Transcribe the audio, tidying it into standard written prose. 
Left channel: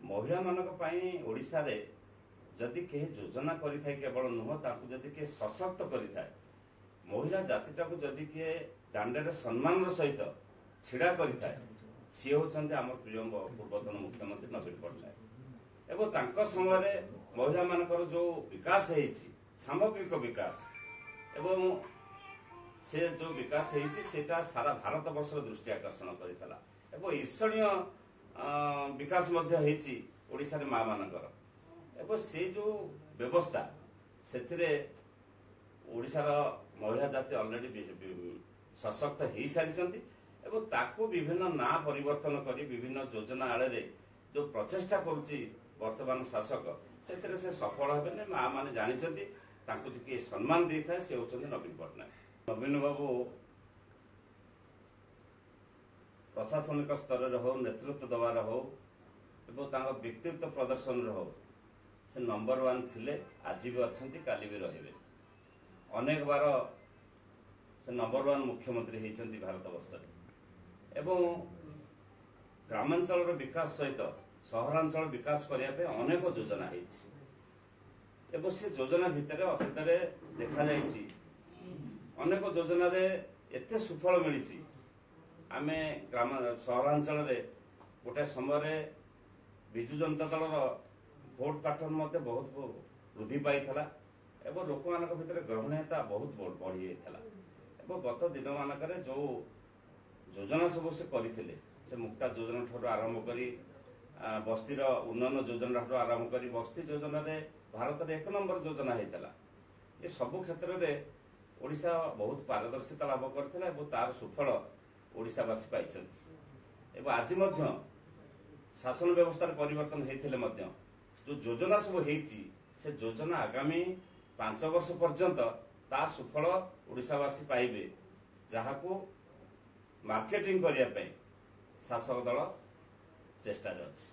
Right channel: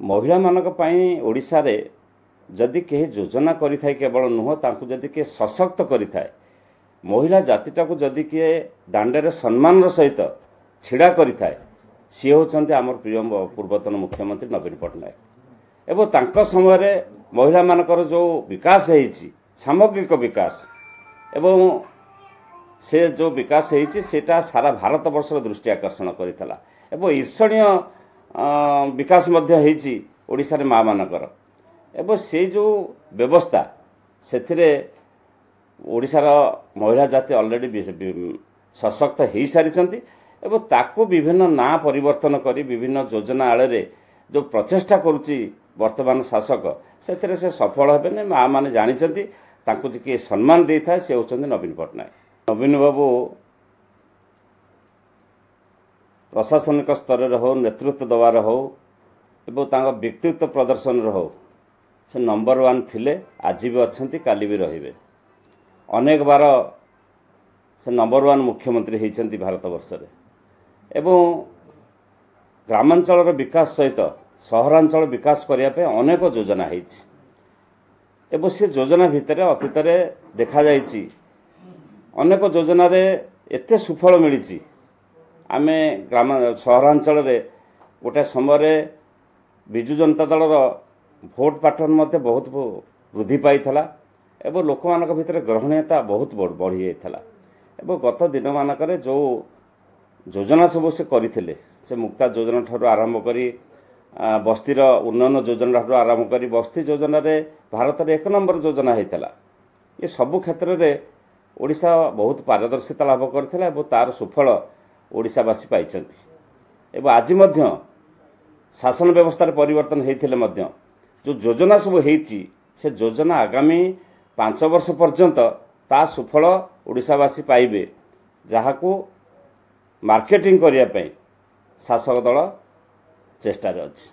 महिला मानक पई ओडिशा रे जदि कहीं योजना करिथाय केवल नुह तांकु जदि के सशक्त करिथाय महिला जातिटा को जदि के दांडे सम्मान सहित छिड़ा करिथाय सी होचंती आमर प्रिय पूर्वतन मुख्यमंत्री नवीन पट्टनायक एवं तांको समय रे महिला मानकर जो विकास होईची सामग्रिक विकास एवं से जो विकास होईची सेटा सारा भारत वर्षर दृष्टि आकर्षण करितला एवं ईर्षणीय विकास मध्य होईची ओडिसा रे मां मानकर एवं से जो व्यवस्था से ओडिशार महिला जाति ऑलरेडी सशक्त हो सारी एवं ताको विभिन्न ना परिवर्तन करी विभिन्न योजना आड़ रे जो प्रचेष्टा करुच्ची वर्तमान शासक से सफल हेबे माँ मैंने जानते तांको किए सम्मान दे था से होचंती नवीन पट्टनायक। नवीन बाबू प्रशासनिक स्तर हो नेतृत्व दबार हो एवं तांको व्यक्तित्व प्रदर्शन हो से नंबर 1 थिले आज भी अच्छा काली भी रहिबे अनेक बार से नंबर 1 मुख्यमंत्री होती भारत वर्ष एवं ग्रामांचल विकास सहित सहरांचल विकास करने अनेक योजना होती से योजना भितर अतीत देखा जाइए अनेक योजन एते सुफल मिली आमे ग्राम सहरांचल गोटे समय विजु जनता दल भोट पैटर्न मध्य बहुत वृद्धि पाई एवं लोक मान भर ग्रहणीयता बहुत बढ़ी जाता एवं गत दिन मानक जो योजना सब से करते से मुक्ता योजना ठार आरंभ करी बस्तीर उन्नयन योजना ठार आरंभ करी बस्ती योजन भारत में 1 नंबर योजना होता ये सबु क्षेत्र में ओडिशा बहुत पारदर्शिता लाभ करथिला एवं तार सुफल ओडिशावासी पाइछन्ति एवं आज मध्य शासन व्यवस्था परिवर्तन होते जो योजना सब होती से योजना आगामी 5 वर्ष पर्यंत ता सुफल ओडिशावासी पाइबे जहाको मार्केटिंग करने शासक दल चेष्टा अच्छी।